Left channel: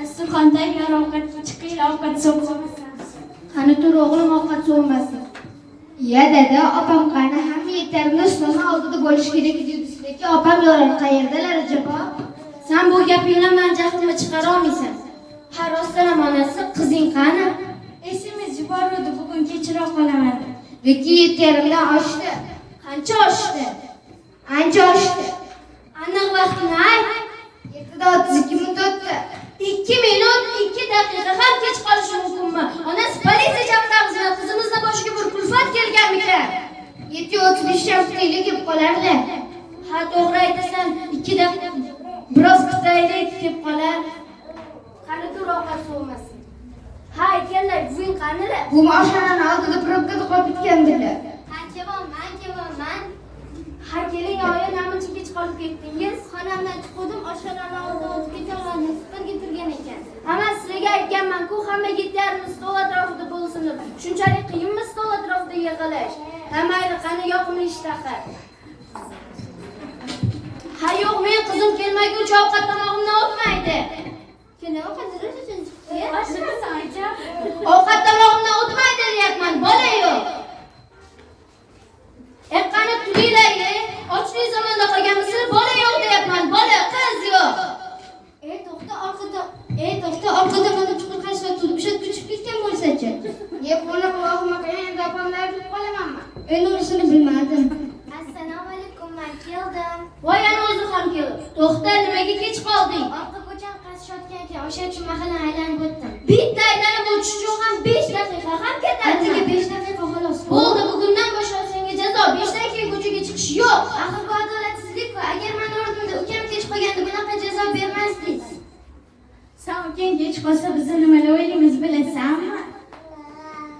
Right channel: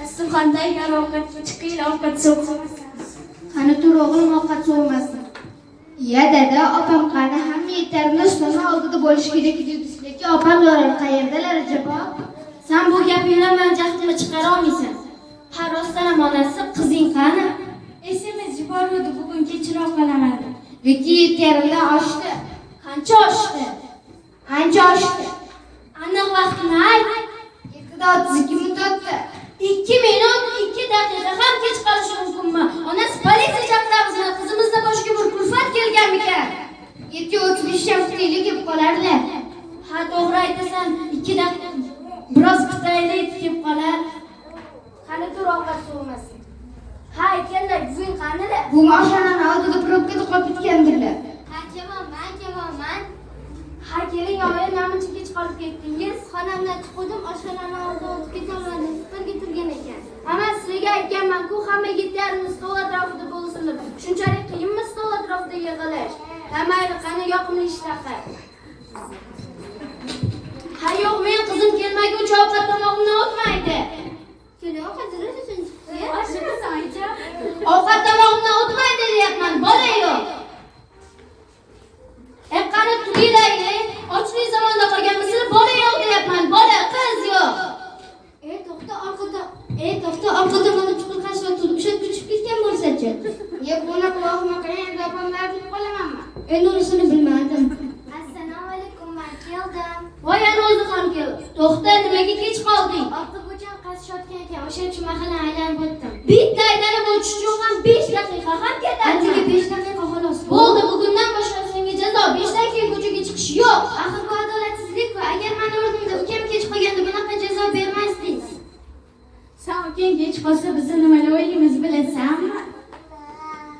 Dasturxondan yor ovqat chiqing, ovqat so'qmasin. Qani tur o'g'lim, ovqat so'ymasin. Ya dada, opam qani? Hamma yetlarini ustini oldida bo'lishi kerak edi. Opam yo'lar qayerdalar acaba? Sen bu gapingdan men jahlimni chiqara olmaysan. Ha rostdan onasi, qizing qani? Esimiz yubordi, bugun kechroq qolaman. Viki yetlarimdan oshdi. Qancha oshdi? Ancha oshdi. Aniq vaqtini ayt. 7:32 minut o'tdi. 2 minut, 2 daqiqa ham kech qolishi mumkinmi? Onasi politsiya chaqiramizni, qizimizni boshiga bir kulfat kelganmikan? 7:35 ham kutaylik deb qolardi. Ha to'g'ri aytasan, 2 daqiqa biroz kutaylik deb qolar. Qani tur ovqat so'masin. Ha aytganlar, buving qanilar? Bu mashinani oldida probkada qolib ketgandilar. Qanchaman. Ha keling, oyi namuncha kech qolib ketdingiz. Xonamdan chiqdim, oshxonani oldiga o'tib ketaman, birga turgan ekan. Ana sizga aytganman-ku, hamma yigitlarimiz stol atrofida bo'lsin deb. Shunchalik qiyinmi stol atrofida yig'ilish? Ha mayli, qani yoqimli ishtaqa. Ha yo'q, men qizim kelmaguncha ovqat tomog'imdan o'tmaydi. Ovqat tomog'imdan o'tmaydi deyapman, bola yo'q. Qani turinglar, ochlik zamonda qolganmisiz? Bola yo'q deyapman, bola, qiz yo'q. To'xta, orqada mana chuqur qarshilab turib, o'sha tushib ketgan bo'lsa-chi? Yeb, buni quloqma qiyin, opamlar deb qolamanmi? Endi unisini bilmadim. Assalomu alaykum, men keldim. Voy, ana o'zi ham keldi. To'xta, nimaga kech qolding? Orqa ko'cham qazishayotgan ekan, o'sha uchun mahallani aylanib o'tdim. Bitta aylanib o'tish ham 5 daqiqa ham ketadi. Atigi 5 daqiqa xolos. Bo'ldi, bugundan boshlab senga jazo. 5 daqiqa ko'chaga chiqish yo'q. Axir bu adolatsizlik-ku. Agar men o'rnimda ukam kech qolganda bunaqa jazo bermasdingiz. Sen ukang kech qolsa biz nimalar o'ylaymiz bilasanmi?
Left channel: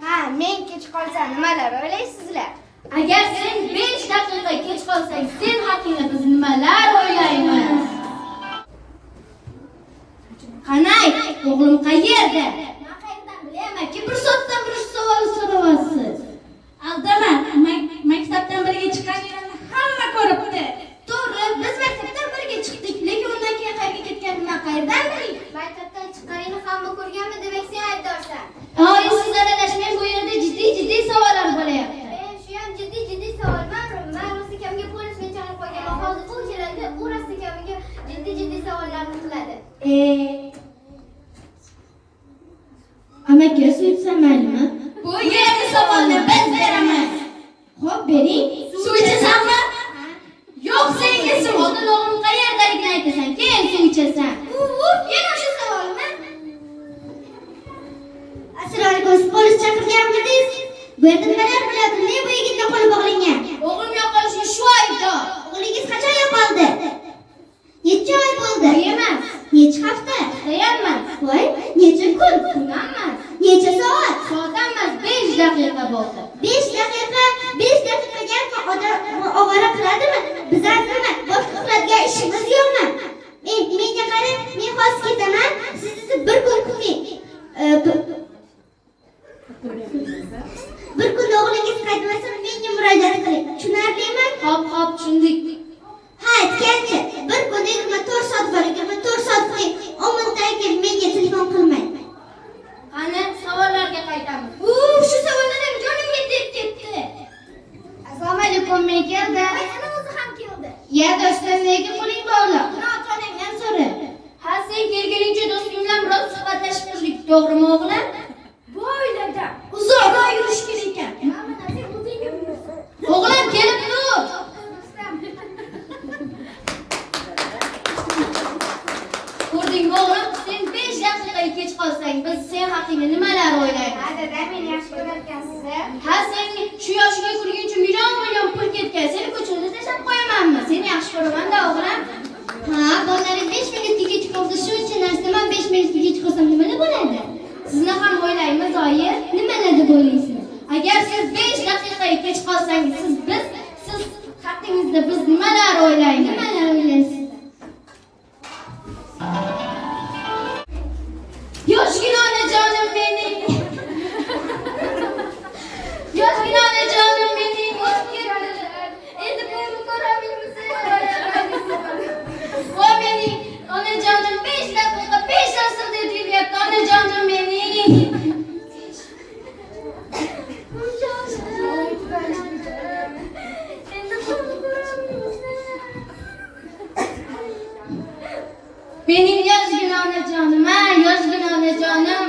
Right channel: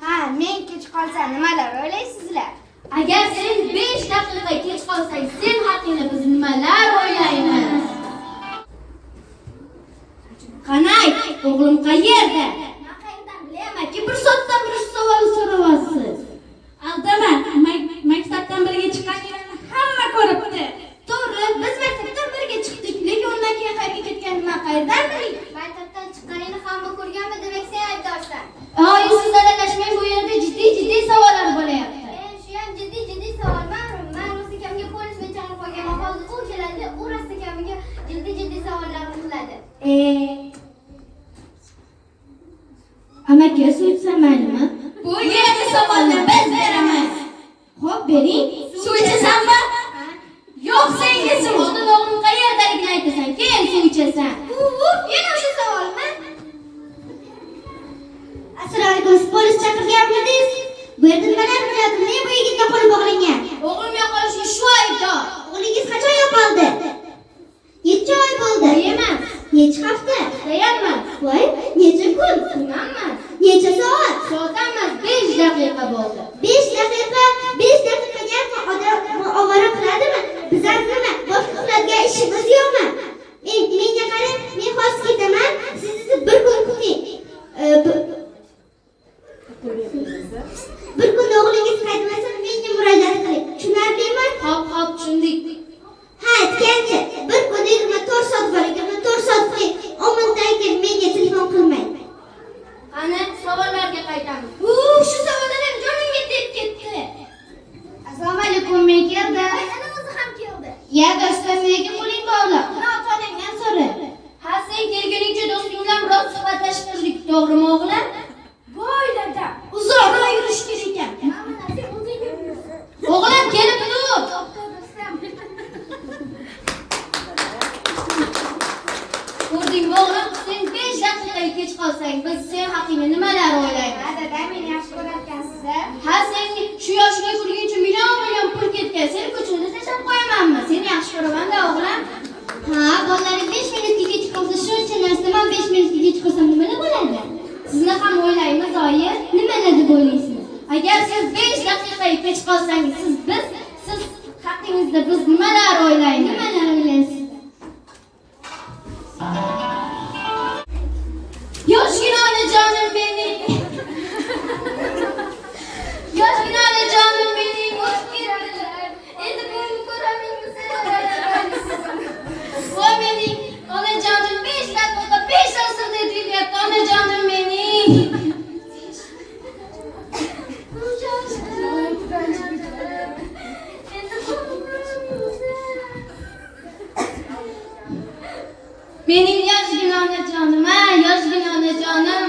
Ha, men kech qolsa nimalar o'ylaysizlar? Agar sen 5 daqiqa kech qolsang, sen haqingda biz nimalar o'ylaymiz? Qanay, o'g'lim qayerda? Men qayerdan Bilamanki, bir soatdan bir savol so'rayapsiz. Aldama, maktabdan birga chiqqaninglarni hamma ko'ribdi. To'g'ri, biz maktabdan birga chiqdik, lekin undan keyin qayerga ketganini men qayerdan bilay? Maktabdan chiqqaningni hamma ko'rganmi, demak sen aybdorsan. Siz aralashmang, bu yerda jiddiy savollar bo'layapti. Shu ham jiddiy savol. Men Rusikamga polisni chaqirib qo'yganman. Hozir u keladi, u Rusikamga jiddiy savollarni qiladi. Amaga suv ichsam maylimi? Bu yerda savolni biz beramiz. Xo'p, bering. Suv ichasanmi? Yo'q, senga suv. Oldin o'g'lim qayerdaligini aytasan, keyin suv ichasan. Yana o'sha savolmi? Assalomu alaykum, polis chaqirganmidingiz? Bu yerda nimalar qilyapti? Men bu yigitga qo'li bog'langan. O'g'lim yo'qolishga shu aybdor. O'g'lingiz qachon yo'qoldi? Necha oy bo'ldi? Emas, Necha hafta? deyapman. Voy, necha kun? Kunanmas, Necha soat? soatdan emas, 5 daqiqa bo'ldi. 5 daqiqa. 5 daqiqaga odam ovora qiladimi? Bizlar nima? Boshqa qiladigan ishimiz yo'qmi? Menga qarang, men hozir ketaman. Siz bir kun kuting. Bir kun o'g'lingiz qaytmasa, menga murojaat qiling. Tushunarlimi? Hop, tushundik. Ha, aytgancha, bir kun 24 soat bor ekan, 24 soat kuting. 10 minutdan keyin menga telefon qilmang. Qani savollarga qaytamiz. Shu savollar jonimga tegib ketdi. Assalomu alaykum, men keldim. Ana o'zi ham keldi. Ya do'stim, nega qo'ling bog'liq? Ota-onangdan so'ra. Ha, sen kelguningcha do'sting bilan biroz suhbatlashib turdik, to'g'rimi o'g'lim? Bu oilada uzoqroq yurish kerak ekan. O'g'lim kelib tur. Ko'rdingmi o'g'lim, sen 5 daqiqaga kech qolsang, biz sen haqingda nimalar o'ylaymiz? Dada, men yaxshi ko'rarkansiz. Ha, sen shu yoshga kirguncha million pul ketgan. Seni ko'chada tashlab qo'yamanmi? Seni yaxshi ko'raman-da o'g'lim. Ha, bolalaring 5 minutga kech qolsa, shuncha narsani 5 minutga kech qolsam nimalar bo'ladi? Sizni ham o'ylaymiz, oyi. Nimalar deb o'ylaysiz? Agar siz 5 daqiqaga kech qolsangiz, siz haqingizda biz nimalar o'ylaymiz? Nimalar o'ylaysiz? Yoshgina onajonim mening. Yoshgina onajonim mening. O'tib ketdilar. Endi buni ko'ramizmi? Voy mening onajonim 5 daqiqa 5 asr dedi Mening yozgina onajonim, ha, yozgina onajonim.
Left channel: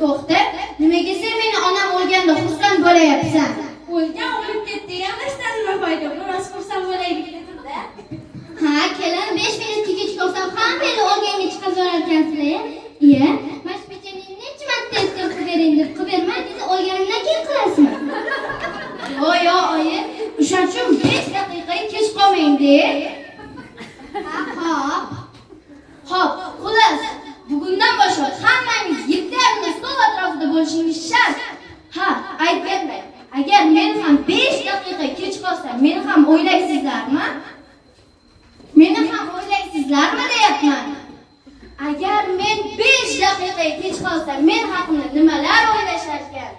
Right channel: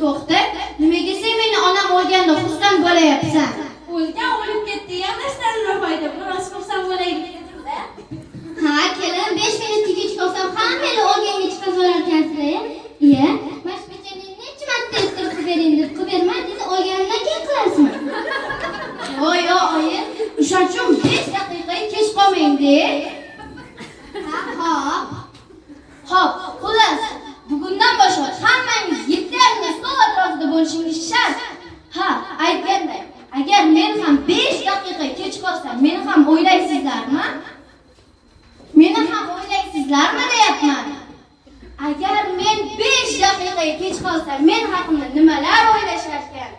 To'xta, nimaga sen meni onam o'lganda xursand bo'layapsan? O'lgan o'lib ketdi, yamlashdan foyda. Biroz xursand bo'laylik dedim-da. Ha, kelin 5 minutga kech qolsam ham meni o'lganga chiqazorar ekansizlar. Iya, mana shu pechenye necha marta estirib bering deb qilib bermay, siz o'lganimdan keyin qilasizmi? Yo, oyi, o'shaning uchun 5 daqiqa kech qolmang-de. Xo'p, xullas, bugundan boshlab hammangiz 7:30 stol atrofida bo'lishingiz shart. Ha, aytganday, agar men ham 5 daqiqa kech qolsam, meni ham o'ylaysizlarmi? Meni ham o'ylaysizlarmi deyapman. Agar men 5 daqiqa kech qolsam, men haqimda nimalar o'ylashar ekan?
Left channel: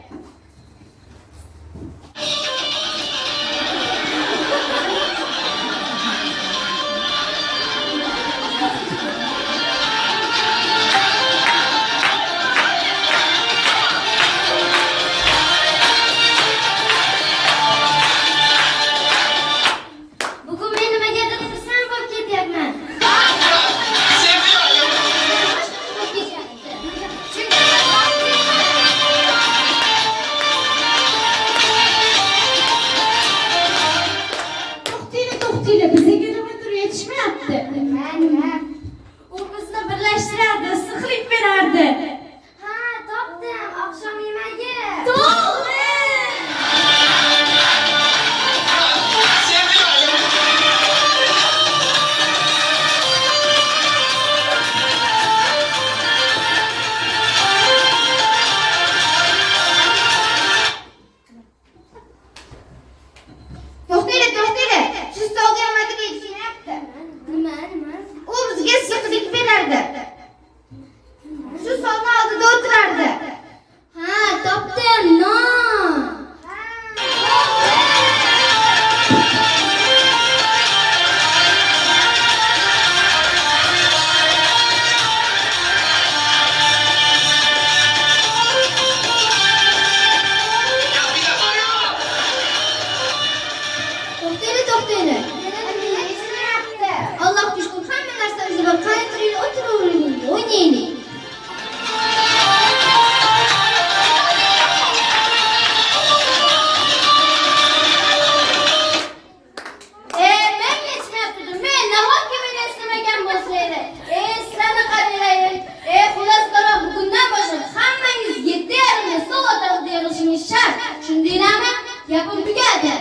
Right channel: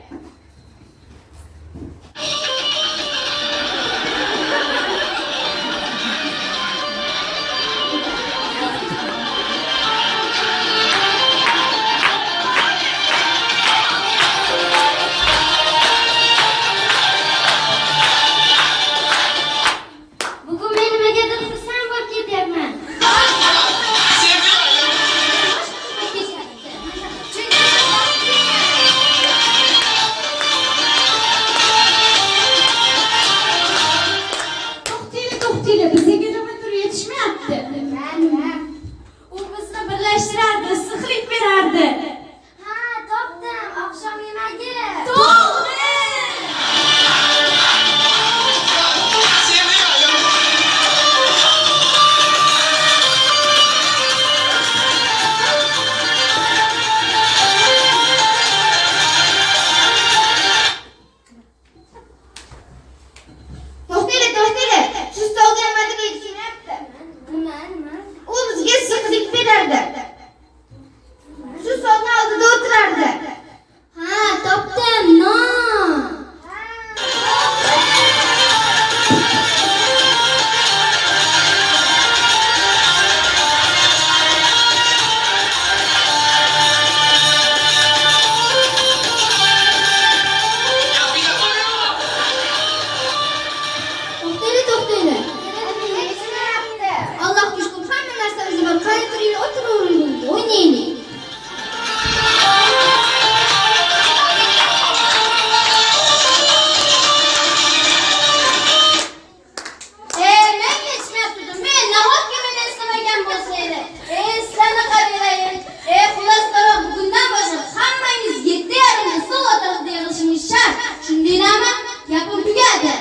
Bugun men nimagadir xursand bo'lib ketyapman. To'xtayli, bizga nima tur yetishmayapti. Nima? U bizni birlashtirardi, issiqlik berardi. Ha, topdim, oqshom yemagi. To'g'ri! To'xtayli. Shu stolga nimadir yetishmayapti. Nima? U bizga issiqlik berardi. Shu stolning oldida o'tirardi. Ha, topdim, non. To'xtayli. Allohga shukr, hamma narsamiz bor. Qani turinglar, o'tiravering, o'ynaylik. Men yetishmayapti. Men nahotki meni islamagan bo'lsa edi. Sizlarni qaranglar. Xullas qara, bugundan boshlab hammangiz 7:30 stol atrofida yig'ilishingiz shart. Tushundinglarmi? Gapim tugadi.